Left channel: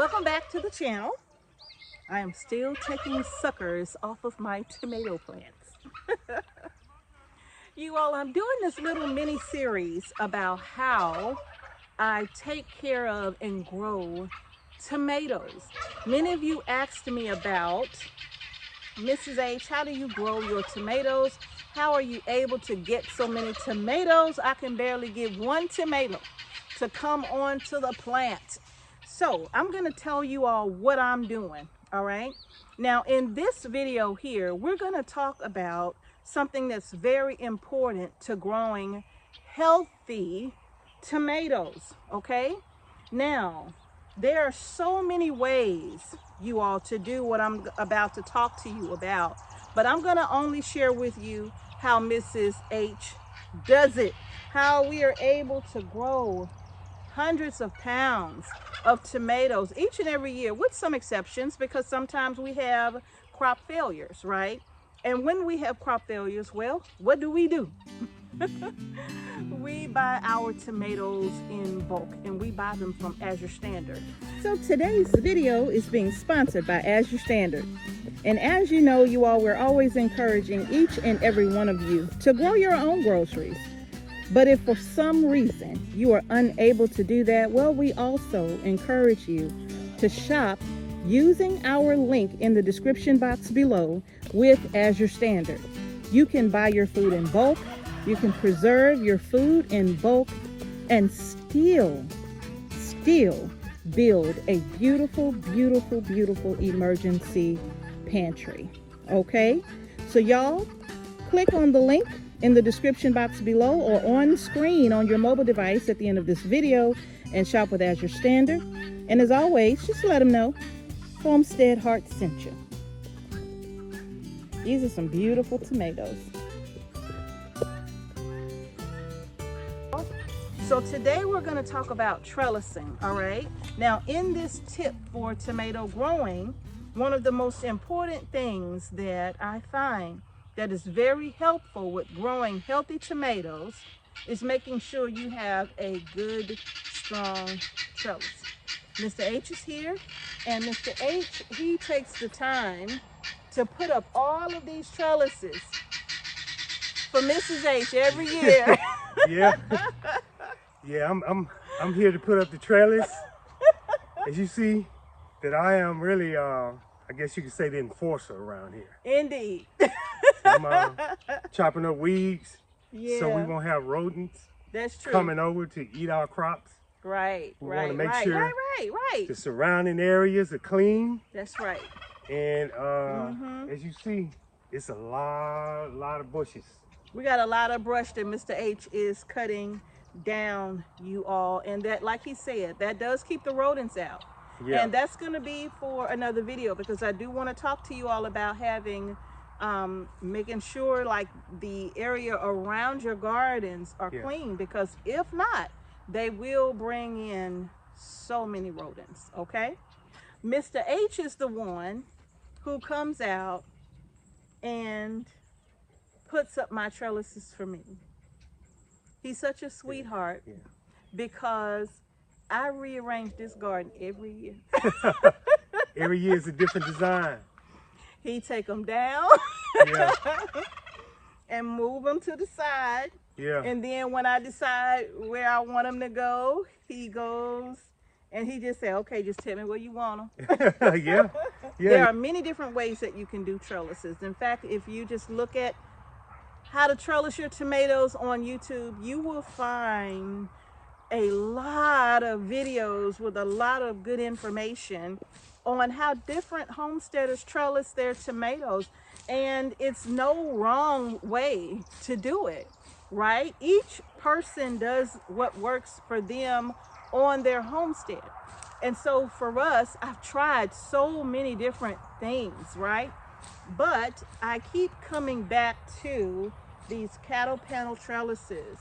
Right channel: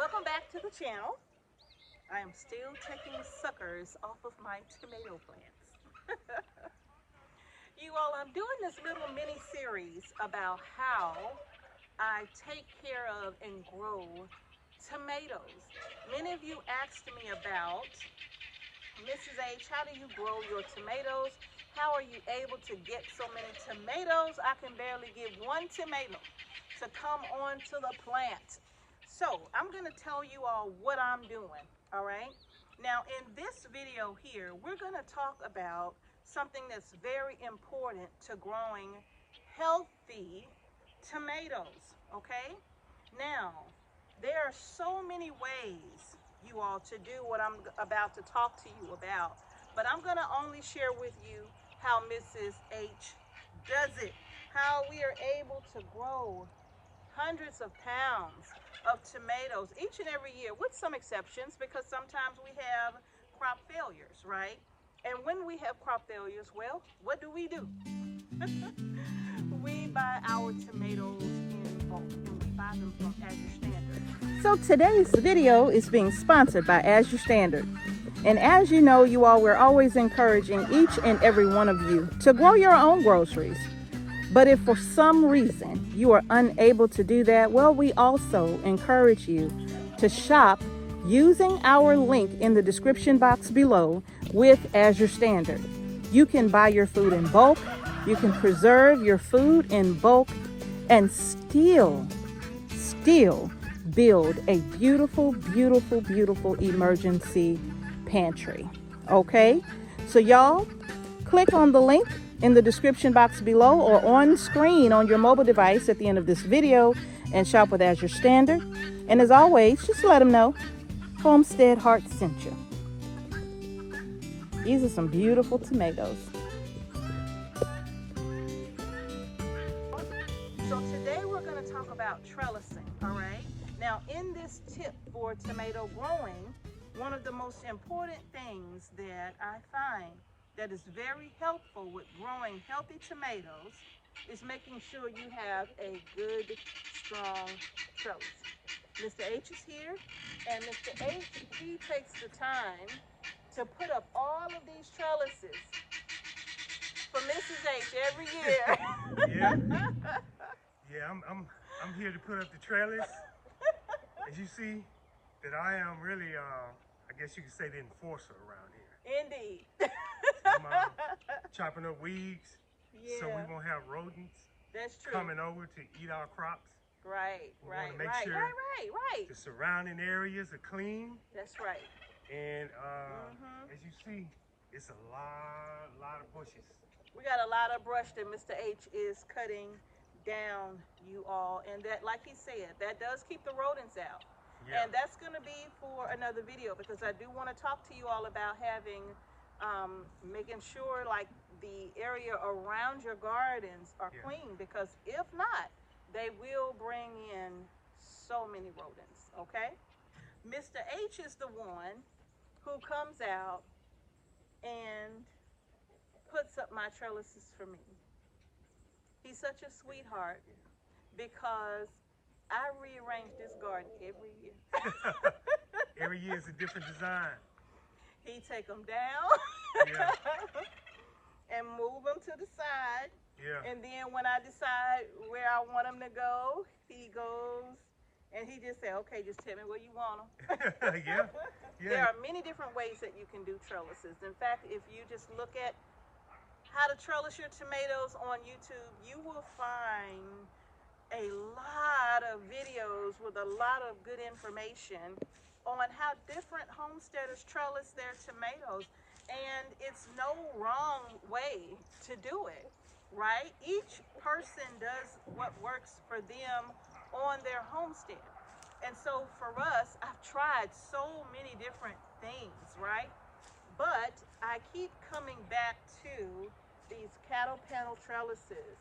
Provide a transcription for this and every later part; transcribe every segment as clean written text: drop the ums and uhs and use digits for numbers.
Welcome back to the channel. I am still taking suckers off of my tomato plants. You all, I'm doing this little mini series about how I take care of and grow tomatoes. Many of you asked me about, Mrs. H, how do you grow your tomatoes? How are you able to get so many tomatoes? I can barely get one tomato to come onto the plant. So I'm going to tell you all what I'm doing, all right? Now in this video here, we're going to talk about something that's very important to growing healthy tomatoes, okay? Now, there are so many ways, you all, to do what I'm about to talk to you about, but I'm going to only share with you how Mrs. H does it, how we are able to grow hundreds of pounds of tomatoes each and every year, with some exceptions, because sometimes we have crop failures, right? And when we have crop failures, well, what do? We buy our tomatoes in bulk, and we buy them from Azure Standard. So today's video is being sponsored by Azure Standard. And as you know, you all, we're always encouraging each and every one of you to grow your own groceries. But if for some reason you are unable to do that, well, we also encourage you to shop using our link in the description box below with Azure Standard. You can buy your food in bulk, you can preserve your food in bulk, and still build a beautiful, beautiful, beautiful emergency pantry. Okay? So y'all, click on the link in the description box below or on screen on your mobile device at the end of this video and shop with Azure Standard. And as always, just let them know Homestead Heart sent you. These are some beautiful tomatoes. So today we're going to talk about trellising, all right? Now in this tip for tomato growing, one of the most important things that I find that is very helpful with growing healthy tomatoes is making sure you have a good, strong trellis. Mr. H is here, and Mr. H, he takes the time to put up all of these trellises for Mrs. H every year. Yeah, I'm here to put up the trellis. As you see, that I am really, I guess you could say, the enforcer around here. Indeed. I'm chopping up weeds, Yeah. so we won't have rodents That's true. coming over to eat our crops. Right, We want to make sure right. the surrounding areas are clean. That's right. And as you see, it's a lot of bushes. We got a lot of brush that Mr. H is cutting down, you all, and that, like he said, that does keep the rodents out. Yeah. And that's going to be for another video, because I do want to talk to you all about having making sure like the area around your gardens are clean, because if not, they will bring in so many rodents. Okay, Mr. H is the one who comes out and puts up my trellises for me. He's such a sweetheart, because I rearrange this garden every year. Every year is a different design. He take them down and move them to the side. Yeah. And then when I decide where I want him to go, he goes and he just say, okay, just tell me where you want them. Yeah. There are many different ways that you can do trellises. In fact, if you just look at how to trellis your tomatoes on YouTube, you will find a lot of videos with a lot of good information on how different homesteaders trellis their tomatoes. And it's no wrong way to do it, right? Each person does what works for them on their homestead. And so for us, I've tried so many different things, right? But I keep coming back to these cattle panel trellises,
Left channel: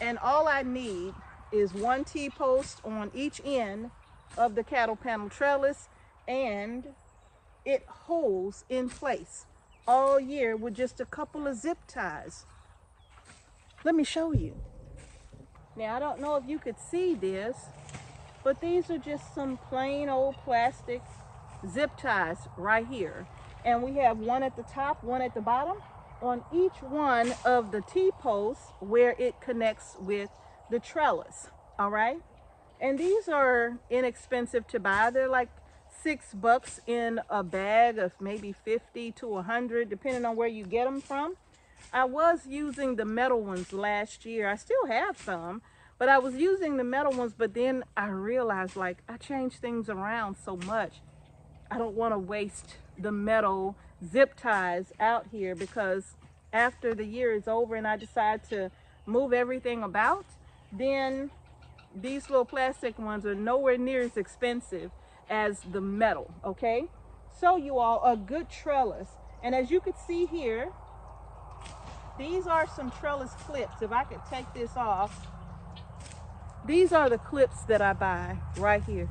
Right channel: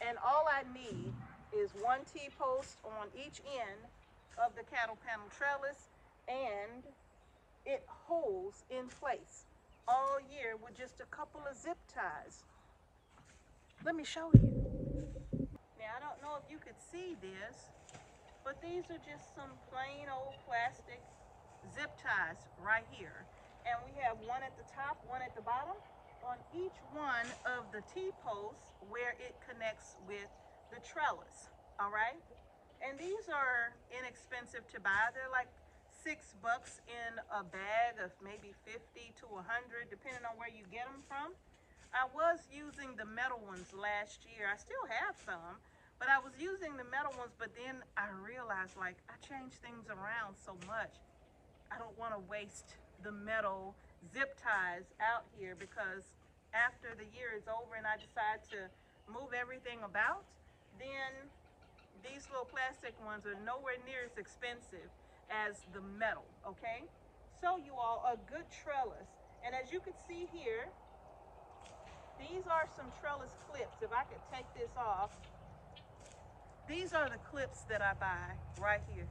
and all I need is one T-post on each end of the cattle panel trellis, and it holds in place all year with just a couple of zip ties. Let me show you. Now I don't know if you could see this, But these are just some plain old plastic zip ties right here. And we have one at the top, one at the bottom on each one of the T-posts where it connects with the trellis, all right? And these are inexpensive to buy. They're like $6 in a bag of maybe 50 to 100, depending on where you get them from. I was using the metal ones last year. I still have some, but I was using the metal ones, but then I realized like I change things around so much. I don't want to waste the metal zip ties out here, because after the year is over and I decide to move everything about, then these little plastic ones are nowhere near as expensive as the metal, okay? So you all, a good trellis. And as you can see here, these are some trellis clips. If I could take this off, these are the clips that I buy right here.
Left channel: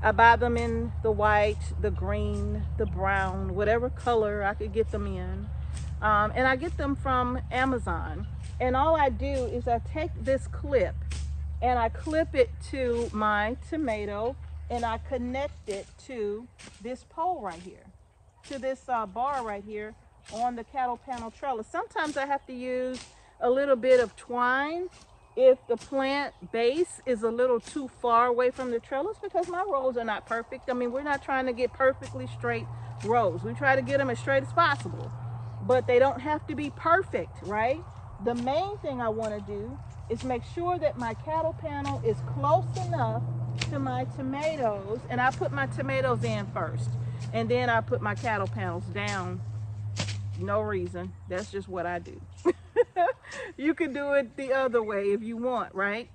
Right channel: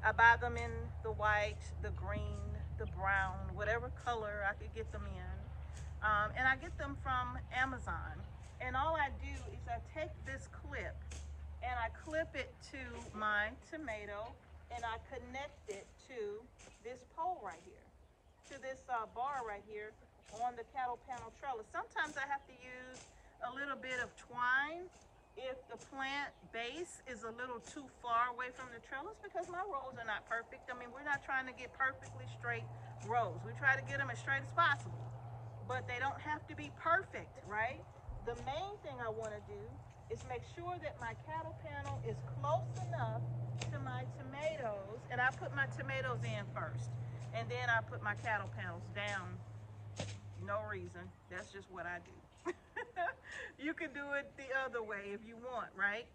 I buy them in the white, the green, the brown, whatever color I could get them in. And I get them from Amazon. And all I do is I take this clip and I clip it to my tomato, and I connect it to this pole right here, to this bar right here on the cattle panel trellis. Sometimes I have to use a little bit of twine if the plant base is a little too far away from the trellis, because my rows are not perfect. I mean, we're not trying to get perfectly straight rows. We try to get them as straight as possible, but they don't have to be perfect, right? The main thing I want to do is make sure that my cattle panel is close enough to my tomatoes, and I put my tomatoes in first, and then I put my cattle panels down. No reason, that's just what I do. You can do it the other way if you want, right?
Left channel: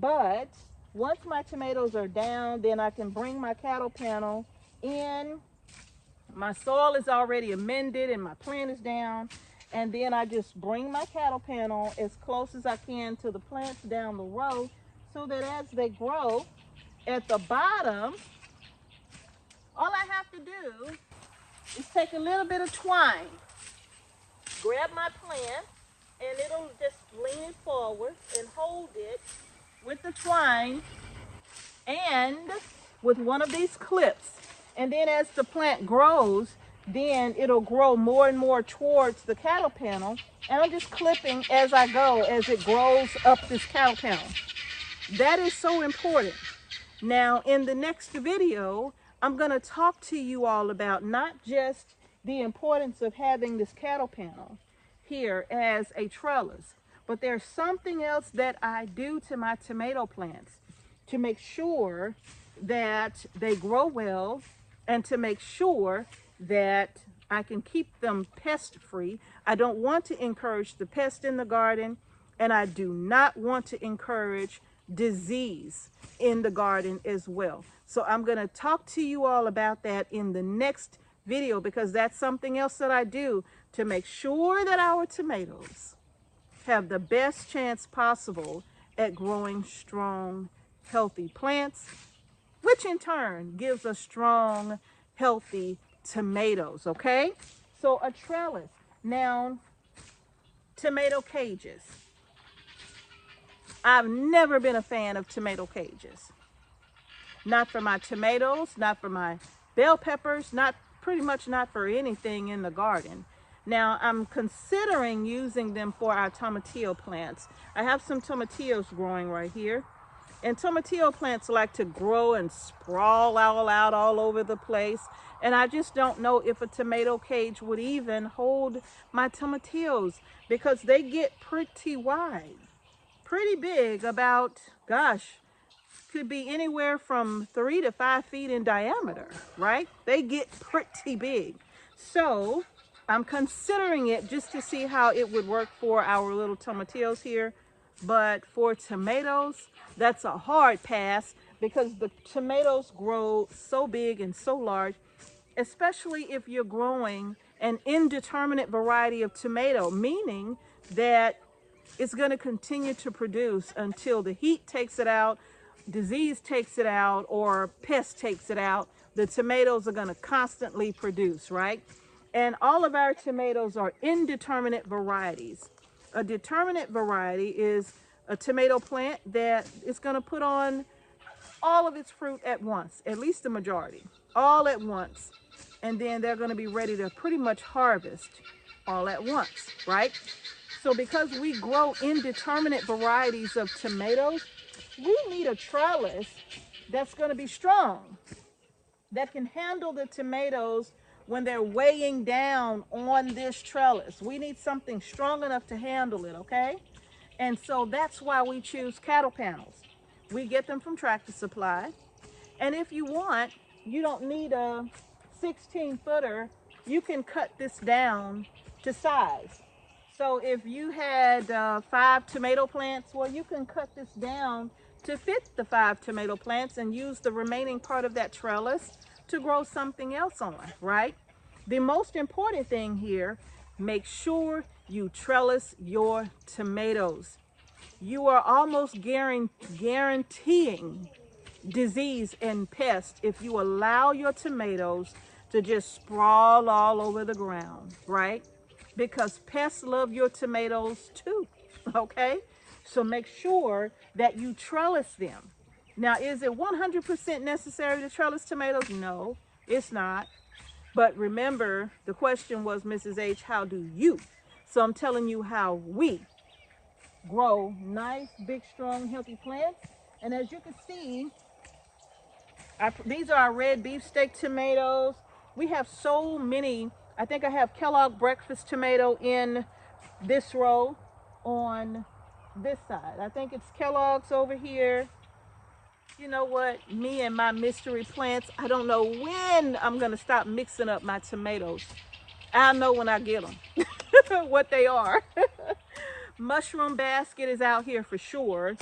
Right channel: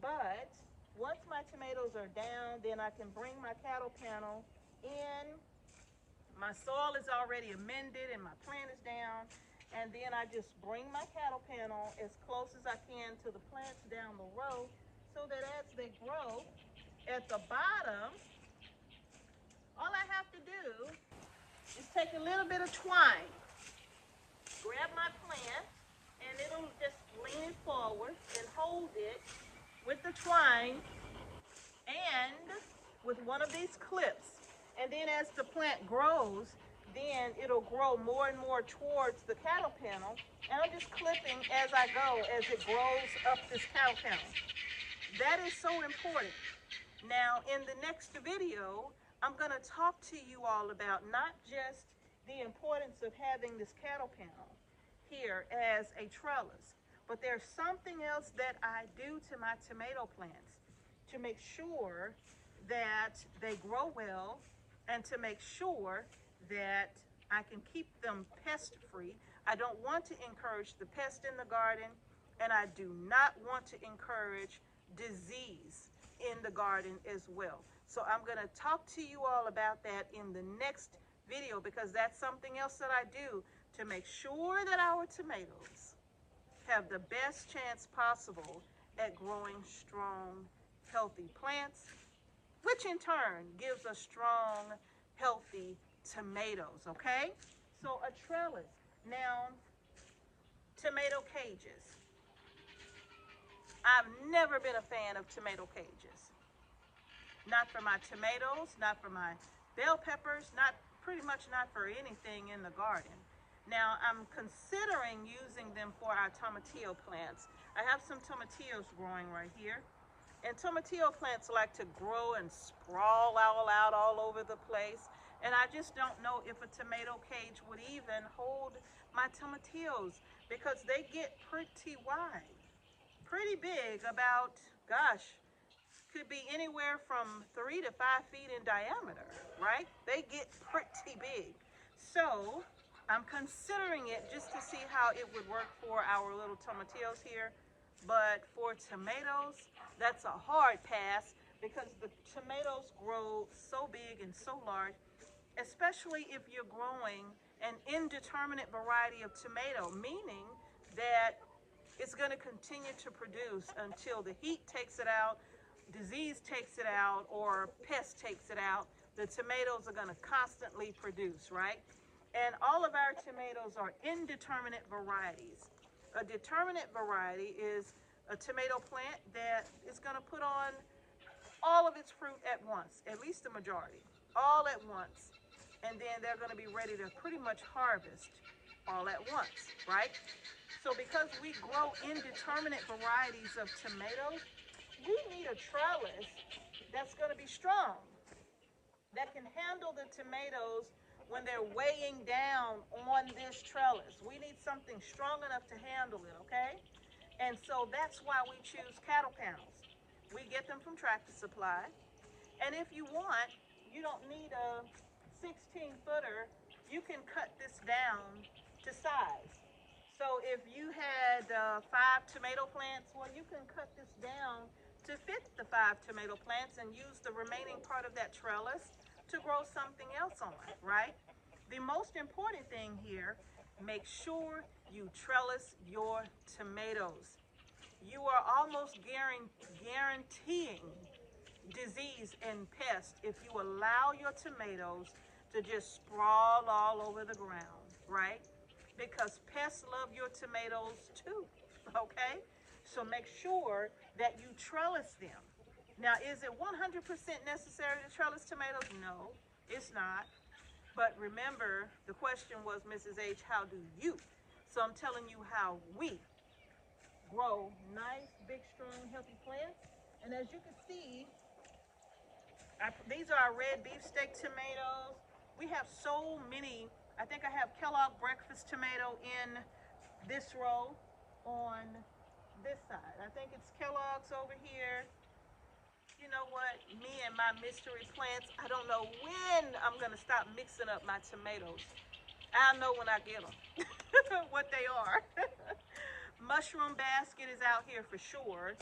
But once my tomatoes are down, then I can bring my cattle panel in. My soil is already amended and my plant is down, and then I just bring my cattle panel as close as I can to the plants down the row, so that as they grow at the bottom, all I have to do is take a little bit of twine, grab my plant, and it'll just lean it forward and hold it with the twine and with one of these clips. And then as the plant grows, then it'll grow more and more towards the cattle panel, and I'm just clipping as I go as it grows up this cattle panel. That is so important. Now in the next video, I'm going to talk to you all about not just the importance of having this cattle panel here as a trellis, but there's something else that I do to my tomato plants to make sure that they grow well, and to make sure that I can keep them pest free. I don't want to encourage the pest in the garden, and I do not want to encourage disease in the garden as well. So I'm going to talk to you all about that in the next video, because that's something else that I do to make sure that our tomatoes have the best chance possible at growing strong, healthy plants, which in turn gives us strong, healthy tomatoes, okay? So a trellis. Now, tomato cages. I've never been a fan of tomato cages. Not for my tomatoes, not for my bell peppers, pretty much not for anything in the garden. Now, I'm considering using them for our tomatillo plants. I have some tomatillos growing right here. And tomatillo plants like to grow and sprawl all over the place. And I just don't know if a tomato cage would even hold my tomatillos, because they get pretty wide, pretty big, about, gosh, could be anywhere from 3 to 5 feet in diameter, right? They get pretty big. So I'm considering it just to see how it would work for our little tomatillos here. But for tomatoes, that's a hard pass, because the tomatoes grow so big and so large, especially if you're growing an indeterminate variety of tomato, meaning that it's going to continue to produce until the heat takes it out, disease takes it out, or pest takes it out. The tomatoes are going to constantly produce, right? And all of our tomatoes are indeterminate varieties. A determinate variety is a tomato plant that is going to put on all of its fruit at once, at least the majority, all at once. And then they're going to be ready to pretty much harvest all at once, right? So because we grow indeterminate varieties of tomatoes, we need a trellis that's going to be strong, that can handle the tomatoes when they're weighing down on this trellis. We need something strong enough to handle it, okay? And so that's why we choose cattle panels. We get them from Tractor Supply. And if you want, you don't need a 16-footer. You can cut this down to size. So if you had 5 tomato plants, well, you can cut this down to fit the 5 tomato plants and use the remaining part of that trellis to grow something else on, right? The most important thing here, make sure you trellis your tomatoes. You are almost guaranteeing disease and pest if you allow your tomatoes to just sprawl all over the ground, right? Because pests love your tomatoes too, okay? So make sure that you trellis them. Now, is it 100% necessary to trellis tomatoes? No, it's not. But remember, the question was, Mrs. H, how do you? So I'm telling you how we grow nice, big, strong, healthy plants. And as you can see, these are our red beefsteak tomatoes. We have so many. I think I have Kellogg breakfast tomato in this row on this side. I think it's Kellogg's over here. You know what? Me and my mystery plants, I don't know when I'm going to stop mixing up my tomatoes. I'll know when I get them, what they are. Mushroom basket is out here for sure.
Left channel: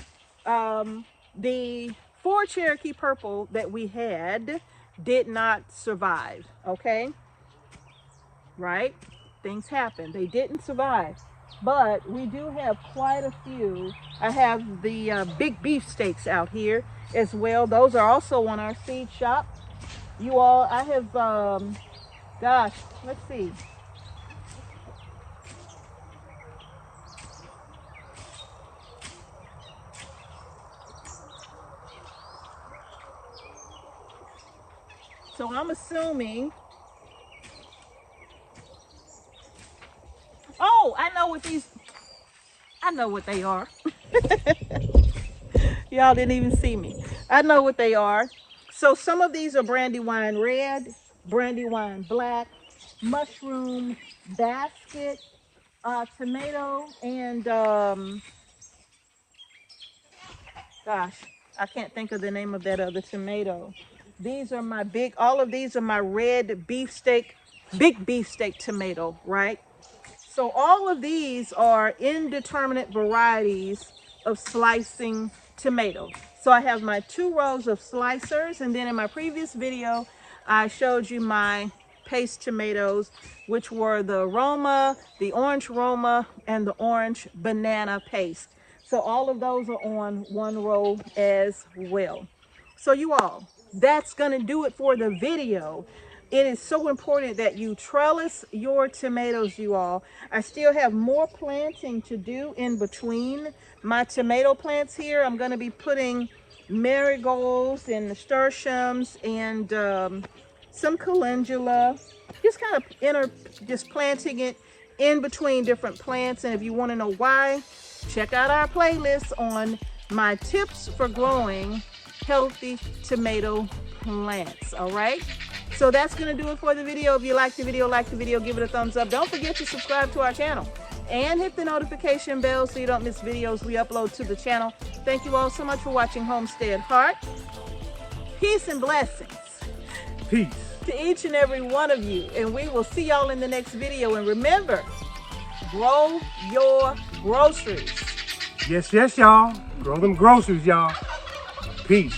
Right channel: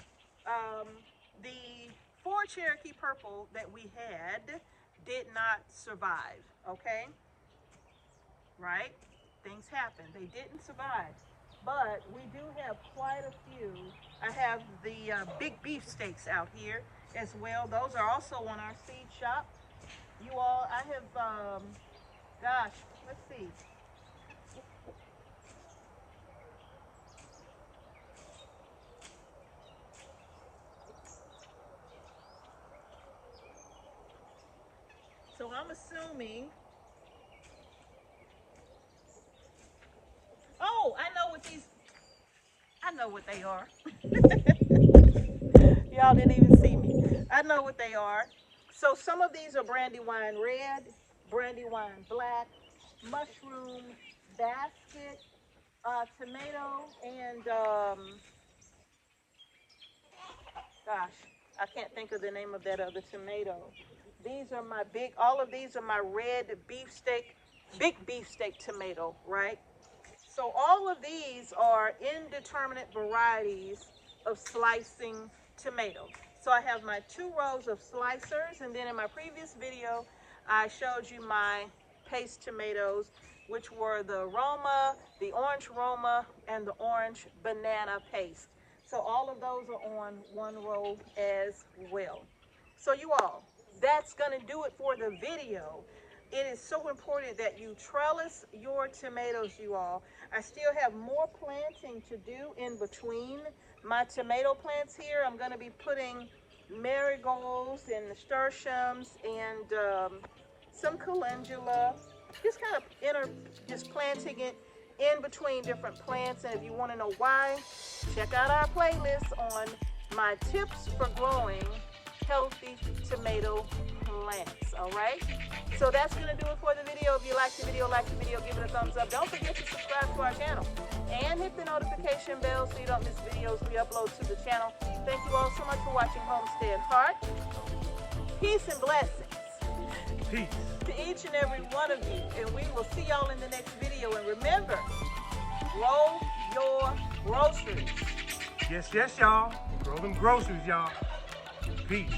The 4 Cherokee purple that we had did not survive, okay? Right? Things happen. They didn't survive. But we do have quite a few. I have the big beefsteaks out here as well. Those are also on our seed shop. You all, I have, gosh, let's see. So I'm assuming, oh, I know what they are. Y'all didn't even see me. I know what they are. So some of these are Brandywine red, Brandywine black, mushroom basket, tomato, and gosh, I can't think of the name of that other tomato. These are my all of these are my red beefsteak, big beefsteak tomato, right? So all of these are indeterminate varieties of slicing tomato. So I have my 2 rows of slicers, and then in my previous video, I showed you my paste tomatoes, which were the Roma, the orange Roma, and the orange banana paste. So all of those are on 1 row as well. So you all, that's gonna do it for the video. It is so important that you trellis your tomatoes, you all. I still have more planting to do in between my tomato plants here. I'm going to be putting marigolds and nasturtiums and some calendula. Just kind of just planting it in between different plants. And if you want to know why, check out our playlist on my tips for growing healthy tomato plants. All right. So that's going to do it for the video. If you like the video, give it a thumbs up. Don't forget to subscribe to our channel and hit the notification bell so you don't miss videos we upload to the channel. Thank you all so much for watching Homestead Heart. Peace and blessings. Peace. To each and every one of you. And we will see y'all in the next video. And remember, grow your groceries. Yes, y'all. Grow them groceries, y'all. Peace.